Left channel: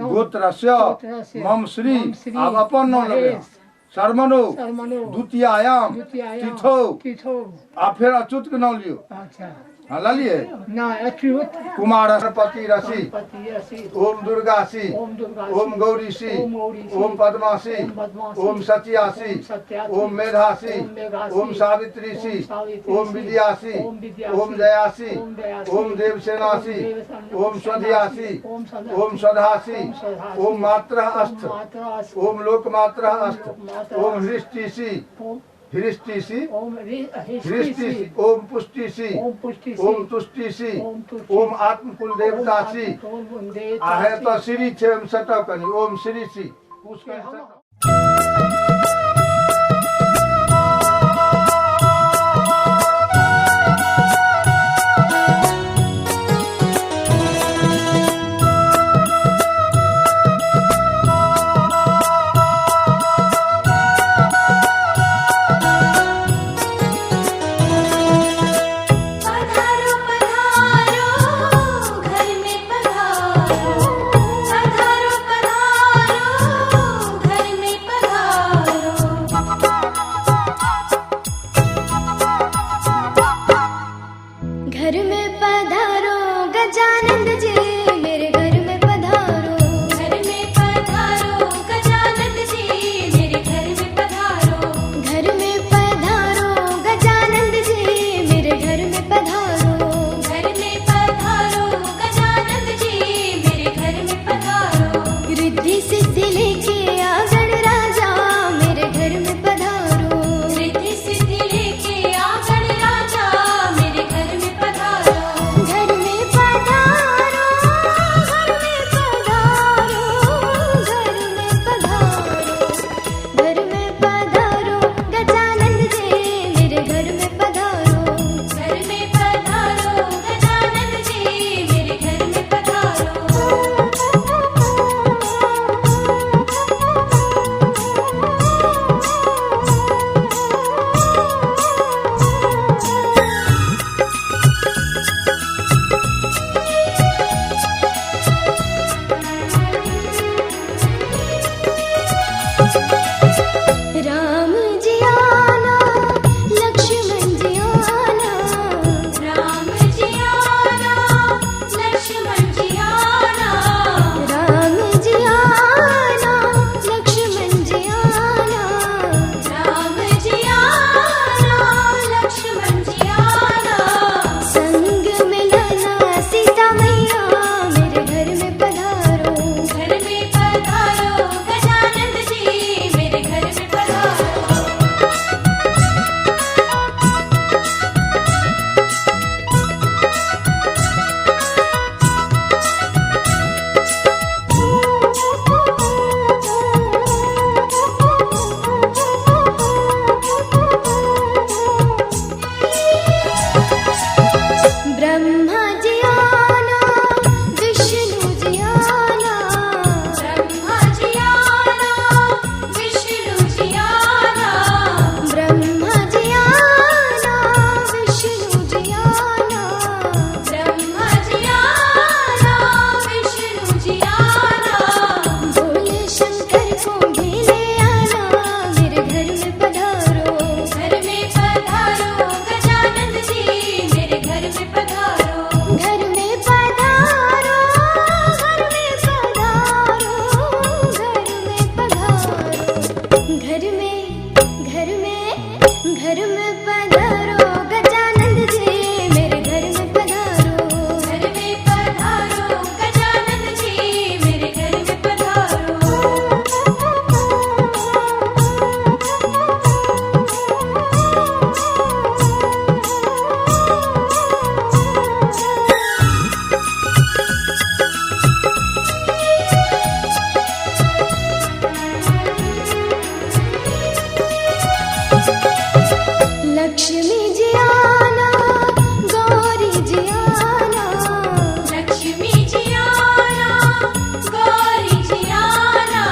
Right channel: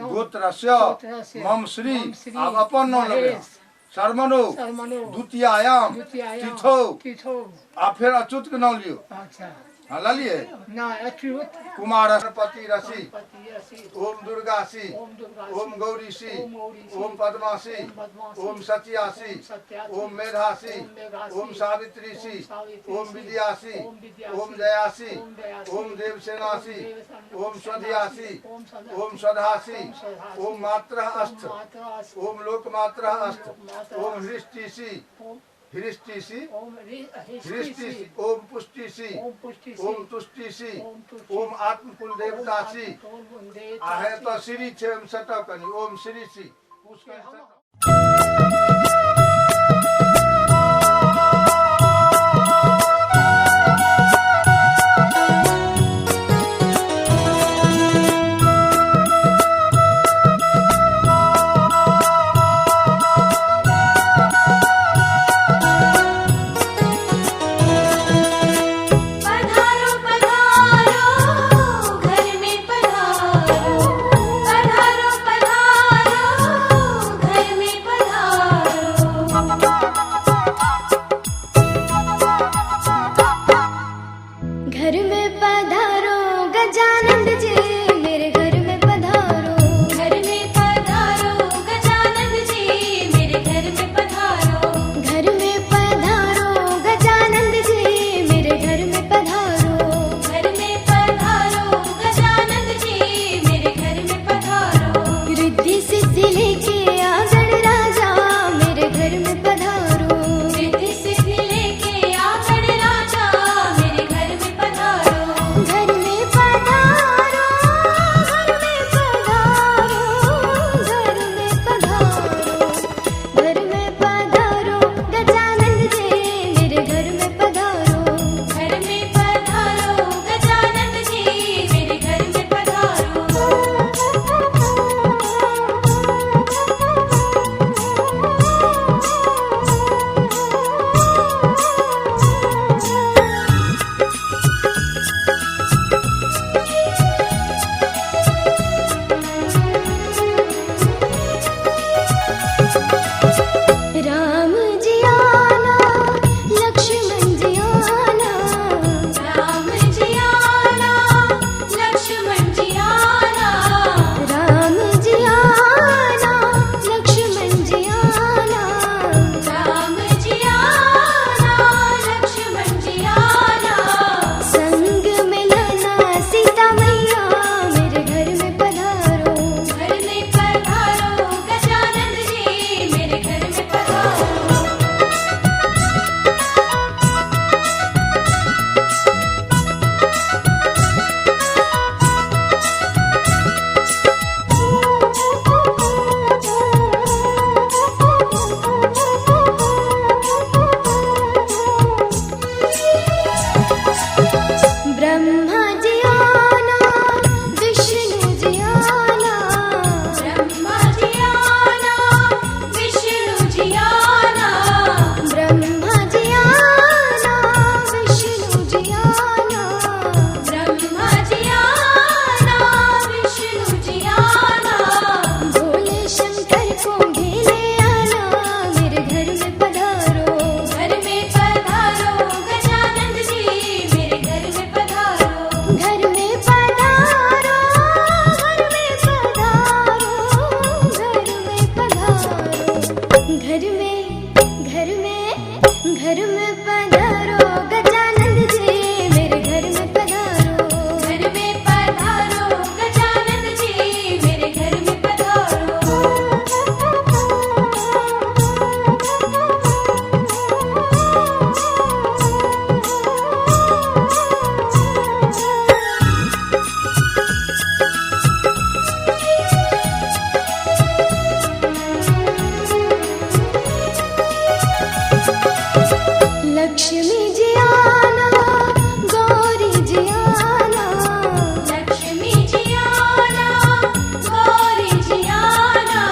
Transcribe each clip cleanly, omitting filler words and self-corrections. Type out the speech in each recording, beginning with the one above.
गोत्रस्य मम श्री। अब अपन नाम लगे शर्मनो द्वितीयायाम तिथो। आप फिर अच्युत के नाम लियो। हाँ ला लिए ना अच्युत कुमार पति रसी ओम दुर्गासी ओम गौरीसी ओम पद्मासी ओम सत्यासी ओम मेधासी ओम सावित्रीसी ओम विद्यासी ओम जयासी ओम देवसेनासी ओम स्वधियासी ओम स्वधासी ओम मात्र अस्त ओम लोकमात्र अस्त ओम हृष्टिसी हृष्टिसी हृष्टिसी ओम पुष्टिसी ओम तुष्टिसी ओम आत्मकुल देवतासी आहे तो श्री छे सटक कनी ओम श्रीसी घर में पधारो गजानंद जी मेरे घर में पधारो। घर में पधारो गजानंद जी मेरे घर में पधारो। घर में पधारो गजानंद जी मेरे घर में पधारो। घर में पधारो गजानंद जी मेरे घर में पधारो। रिद्धि सिद्धि लेके आ गणराजा मेरे घर में पधारो। रिद्धि सिद्धि लेके आ गणराजा मेरे घर में पधारो। घर में पधारो घर में पधारो घर में पधारो। घर में पधारो गजानंद जी मेरे घर में पधारो। घर में पधारो गजानंद जी मेरे घर में पधारो। राम जी आना लक्ष्मण जी आना। राम जी आना लक्ष्मण जी आना। राम जी आना लक्ष्मण जी आना। राम जी आना लक्ष्मण जी आना। संग में लाना सीता मैया मेरे घर में पधारो। घर में पधारो गजानंद जी मेरे घर में पधारो। ब्रह्मा जी आना विष्णु जी आना। ब्रह्मा जी आना विष्णु जी आना। ब्रह्मा जी आना विष्णु जी आना। ब्रह्मा जी आना विष्णु जी आना। भोले शंकर को घेले आना मेरे घर में पधारो। घर में पधारो गजानंद जी मेरे घर में पधारो। घर में पधारो घर में पधारो घर में पधारो। घर में पधारो गजानंद जी मेरे घर में पधारो। घर में पधारो गजानंद जी मेरे घर में पधारो। लक्ष्मी जी आना गौरी जी आना। लक्ष्मी जी आना गौरी जी आना।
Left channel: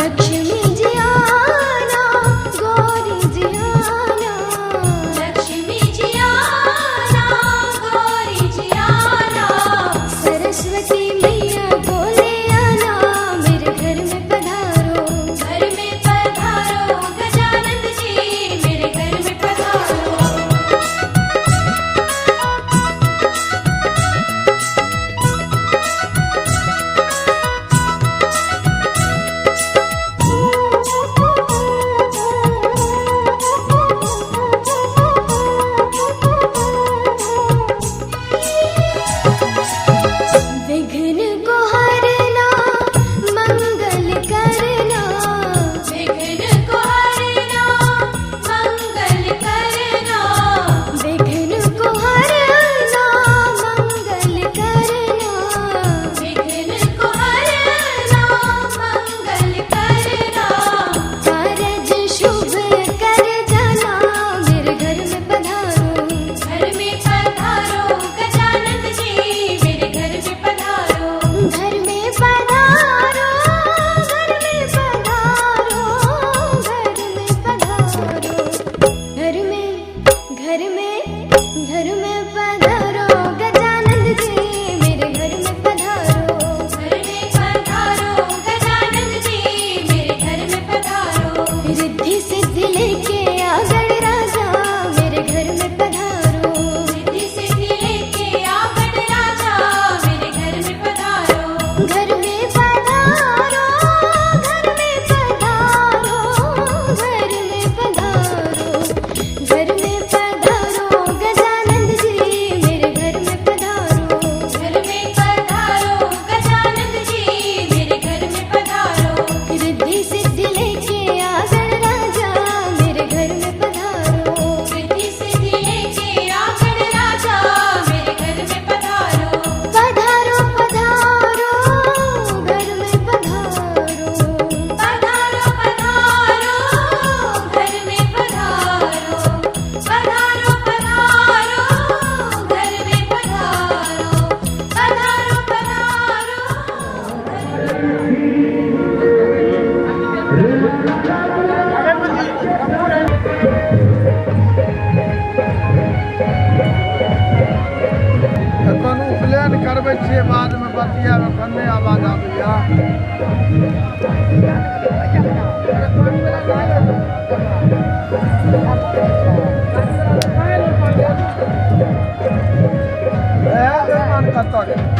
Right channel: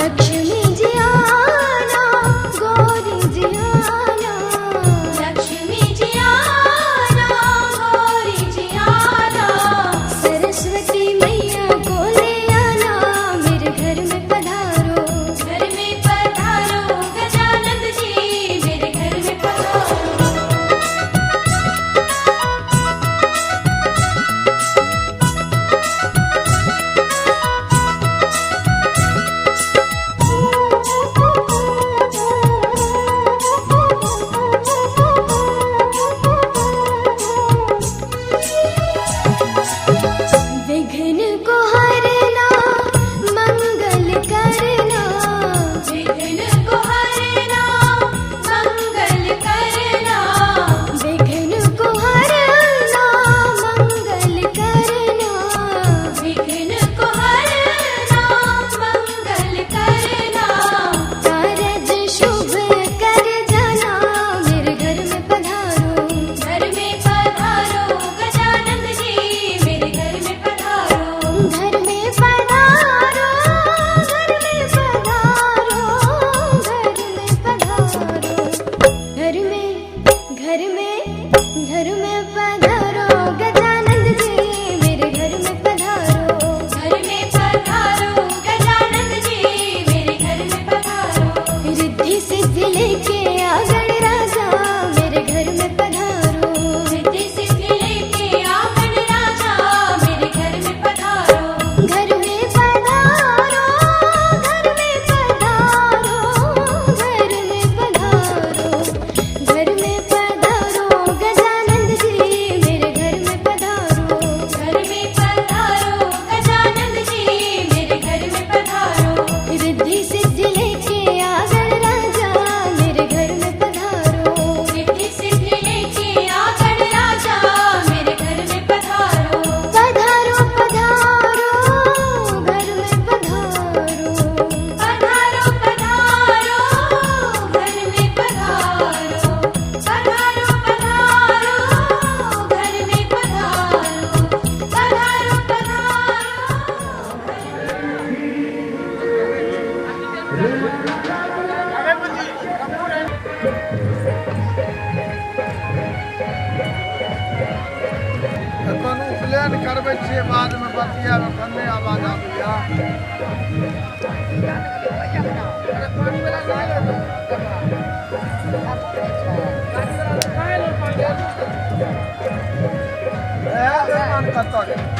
लक्ष्मी जी आना गौरी जी आना। लक्ष्मी जी आना गौरी जी आना। सरस्वती मैया को ले आना रतिया में कन्ने आवाज आ गया मन करता है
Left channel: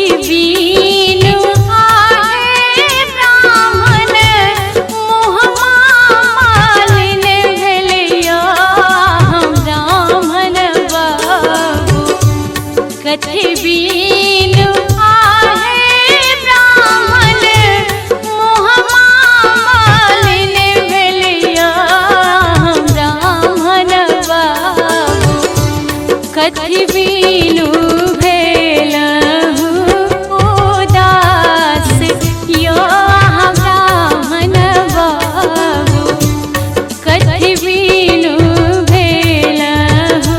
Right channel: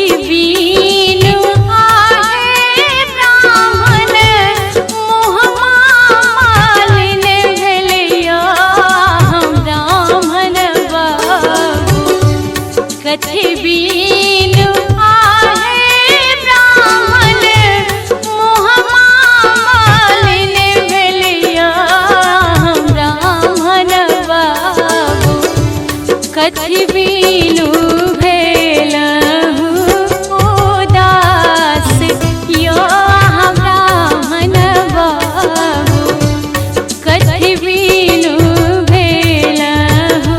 कथि बीनु आहे ब्राह्मण मुँहमा मालिन भेलिया हम ब्राह्मण बाबू कथि बीनु आहे ब्राह्मण मुँहमा मालिन भेलिया हम ब्राह्मण बाबू कथि बीनु भेलहु उदास यो हम ब्राह्मण बाबू कथि बीनु भेलहु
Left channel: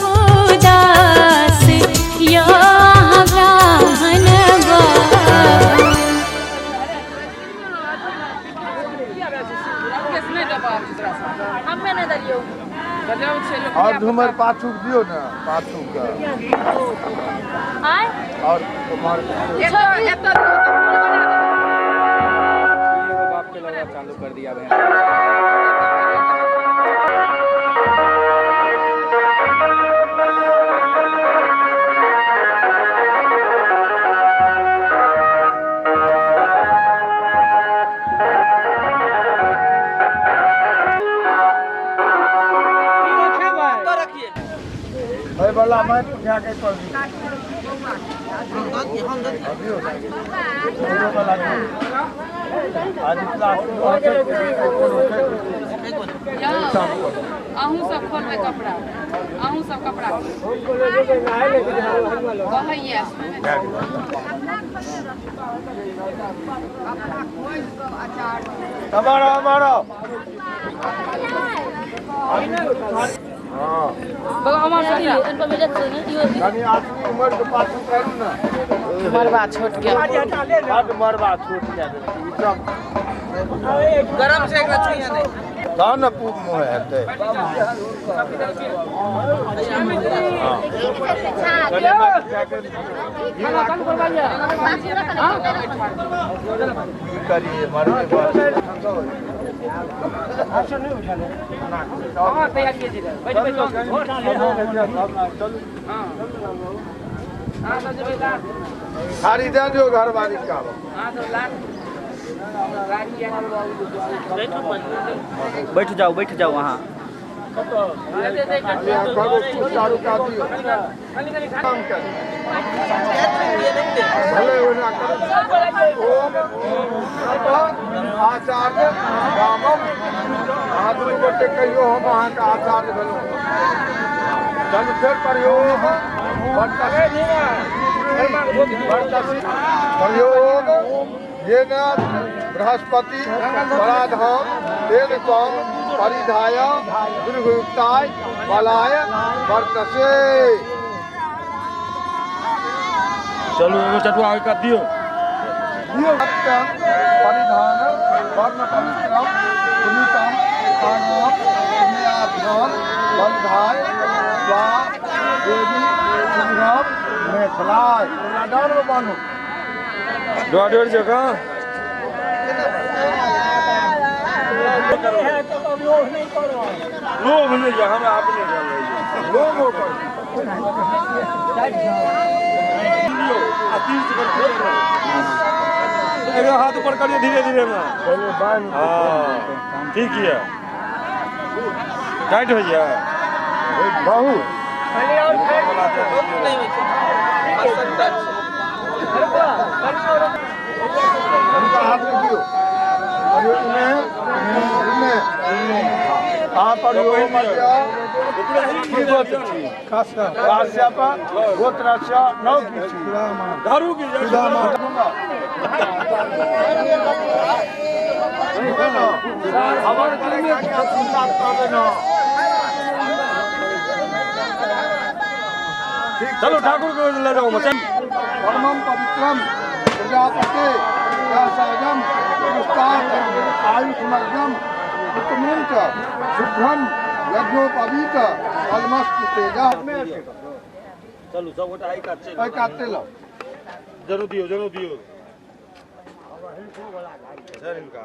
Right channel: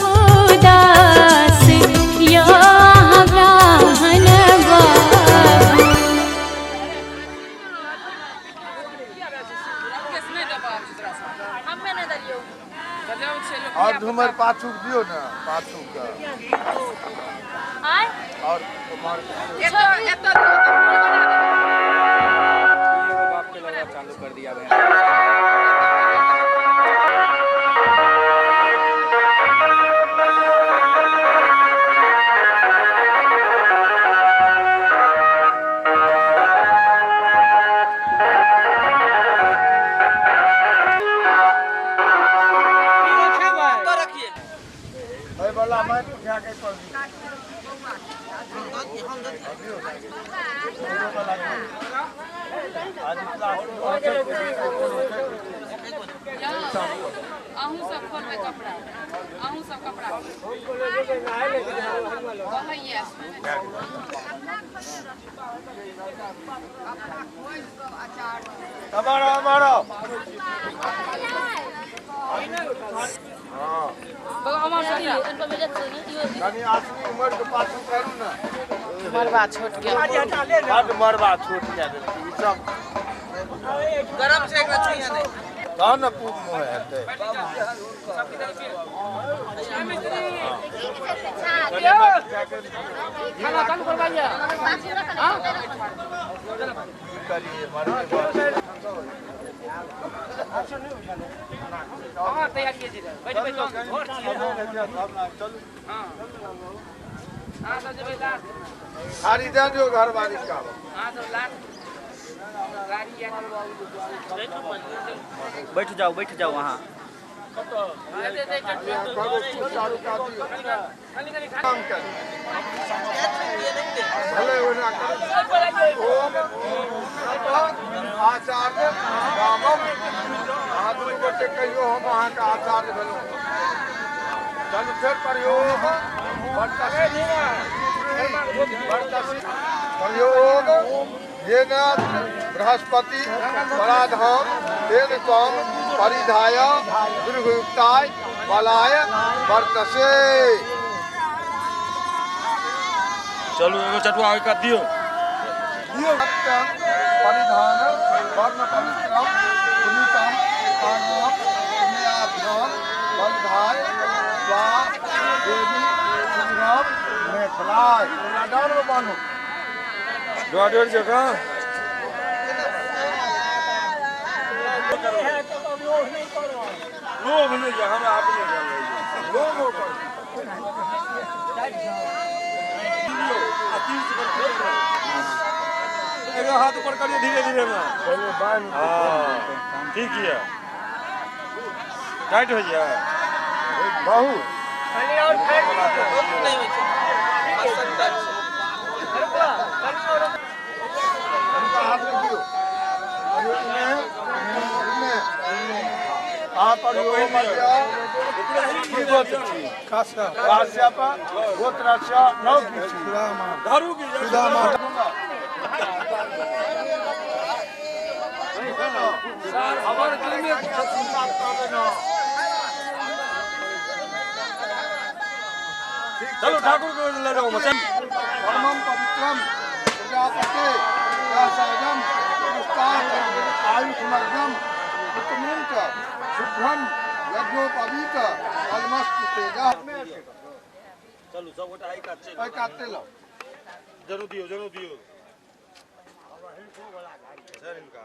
उदास यो हम ब्राह्मण बाबू। और झूमर पाछू दियो ना पाछू का और तुम्हारे बाप के लगा चालू कर दिया है। भाई वाला मैं उठा के पड़ दी आज क्लास अहूँ सब खोलबै कपड़ा, अहूँ सब कपड़ा कहैया हमारा हमारा यानी आदमी उम्र के पाछू करू ना मरबा छोट गया हद मरबा छूट गया सब गरम से एक रचुइया नहीं दान पूप मोह हेते करिए मरने हाँ तैयार कीजिए बैठ बैठ हाँ तो जब लास्ट सारी दे दो घर वाली का हाँ तो लास्ट गाड़ी बैठ जाओ वहाँ चारू का दियो काम कर भले होना कर ओम आचार्य रामम आदमी बटे कहियो हम वहाँ का आचार्य भेलो जन फिर प्रयोग प्रयोग ये बृहस्पति पराधाम तेन त्वं परिधाय दुर्गुप्ताय बलाय वर्तसे। चलो एगो चटुआ आगे कर दियो सत्यं परिधान वर्ण पवित्रम पुनीतम कानम पुण्याभ्याम बंधाय स्वा देवी सुंदरम मेखलाय डर बानो डेढ़ जगह लोभ नहीं है हमें आपने लोग होकर हाथ ऊपर करिए धीरे धीरे में हाँ ठीक है टाइट भैया बाहू हाथ में दियो दारू की चलो ठाकुर को ले जाओ मचन परमम पवित्रम प्रजापते सहजम आयुष्मग्नम उत्तमं च शुभ्रम यज्ञोपवीत अलमस्त तेजा। चलो सब गोटा आई काटते लो जरूर दियो सर इनका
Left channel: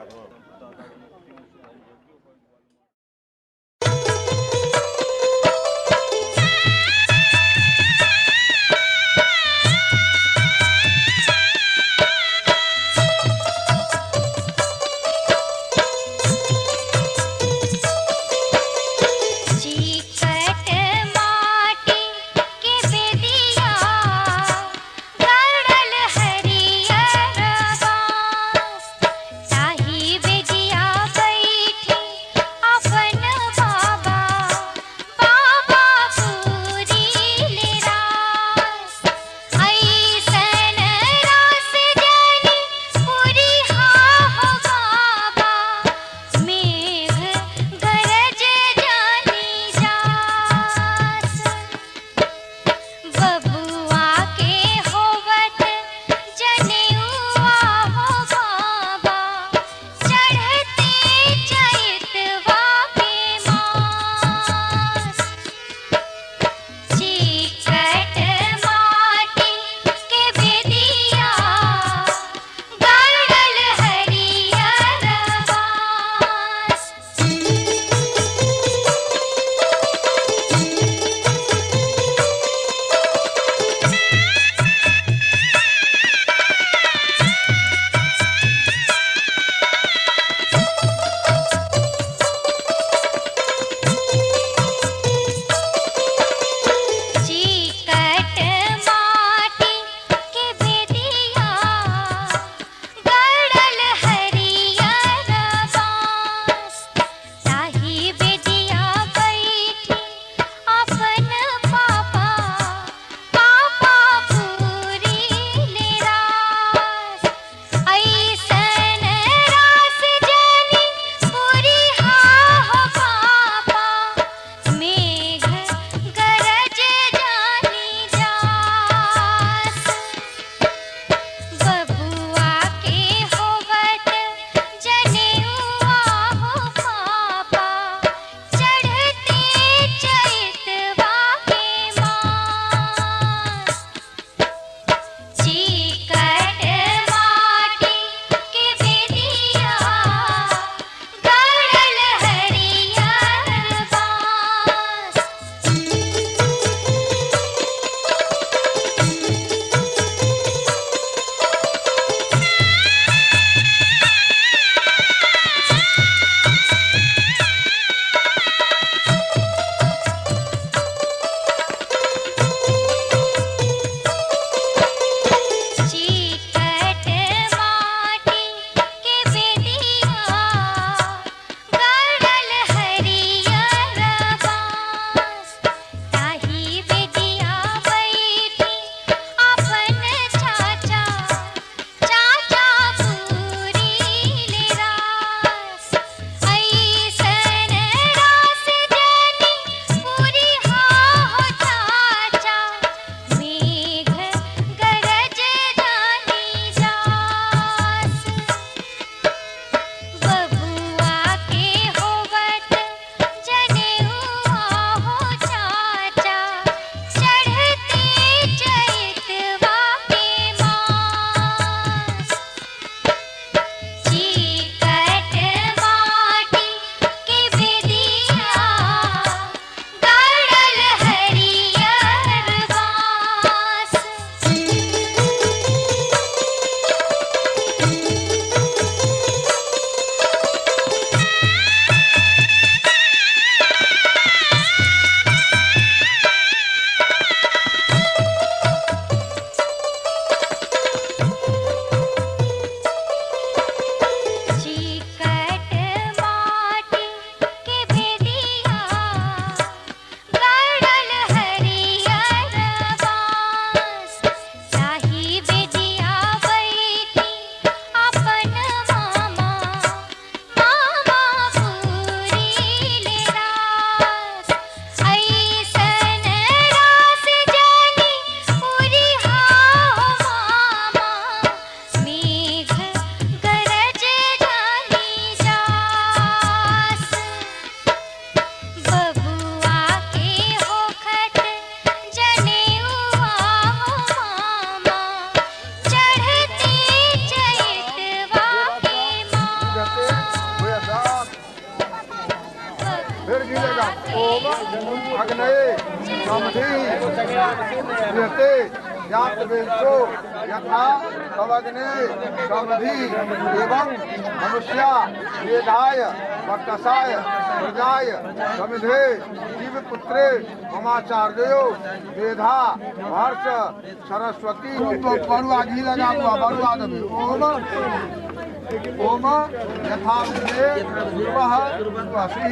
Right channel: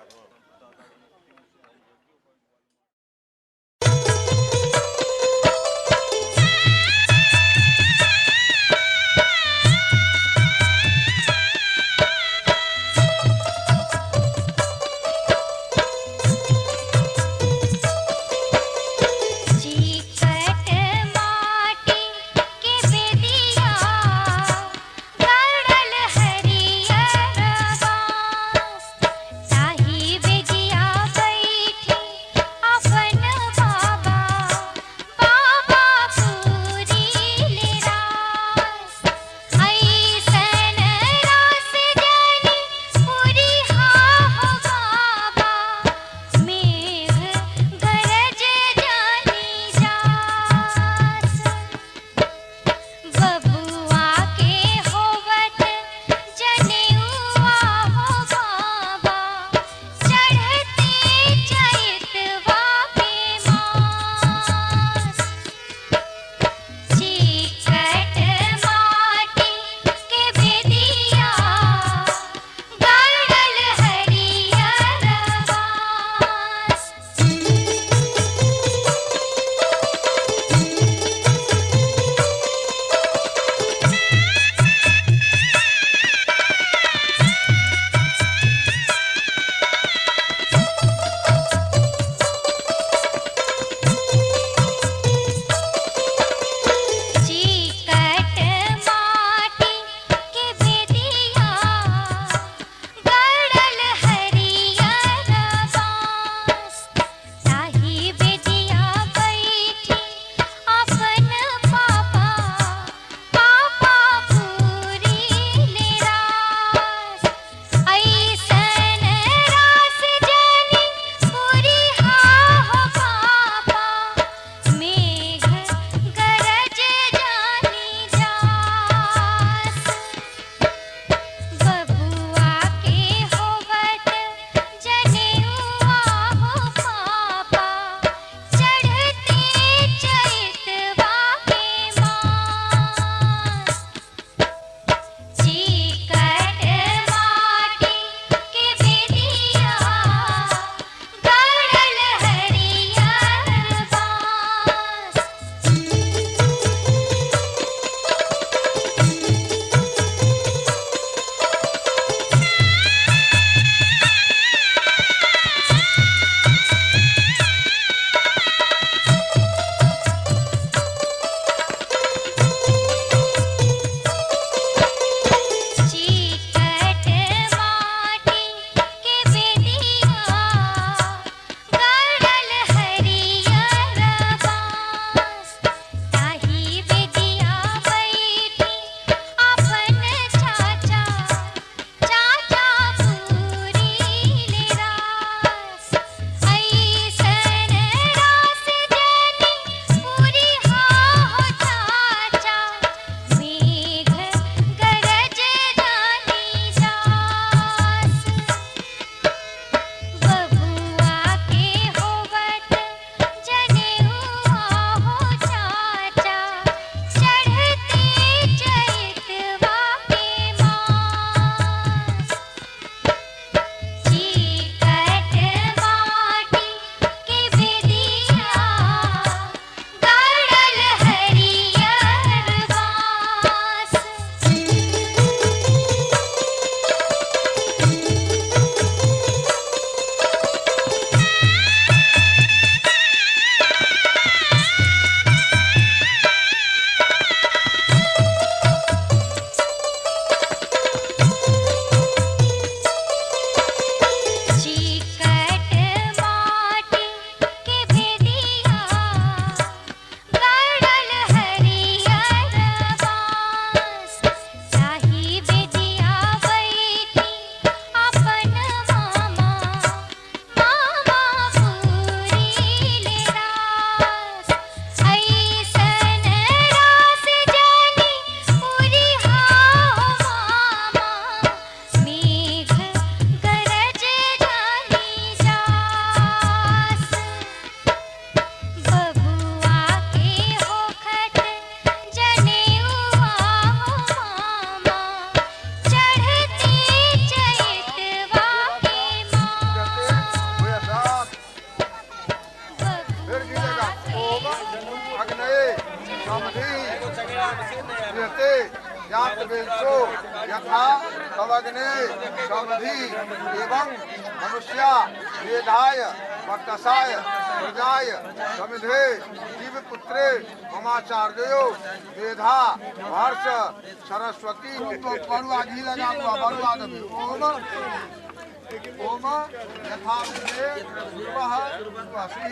देवेशो यथा तवग्ने समधि एवं मनुष्या वेदाय वक्कसाय प्रजाय समिधे जीवपुत्रे ममाचार्यो वेधा हर्ष सरस्वती। तो बड़ुआ घी लगा हुआ बड़ुआ दबे। ओम यथा विद्ये पूर्वः वसी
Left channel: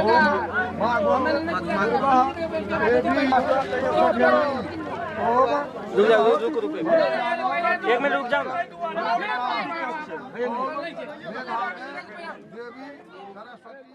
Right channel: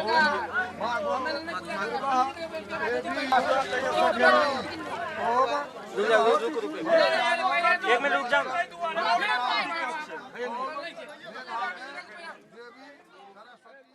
ओम माघवः देवी ओम रुक जाओ, एक मिनट रुक जाओ। देवी सरस्वती।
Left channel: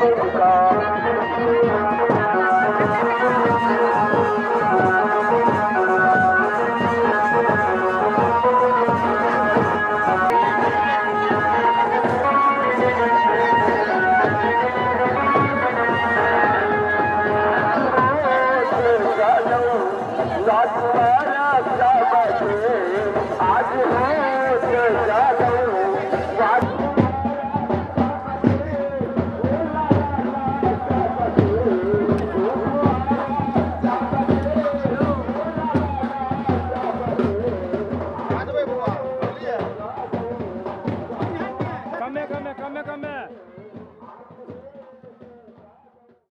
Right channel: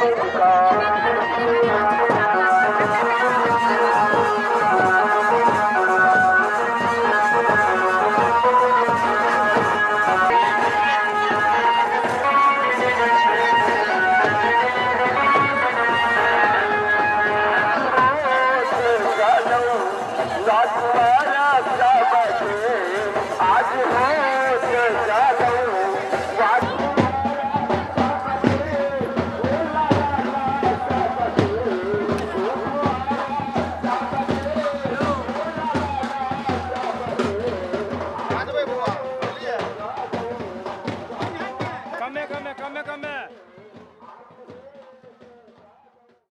Thank you.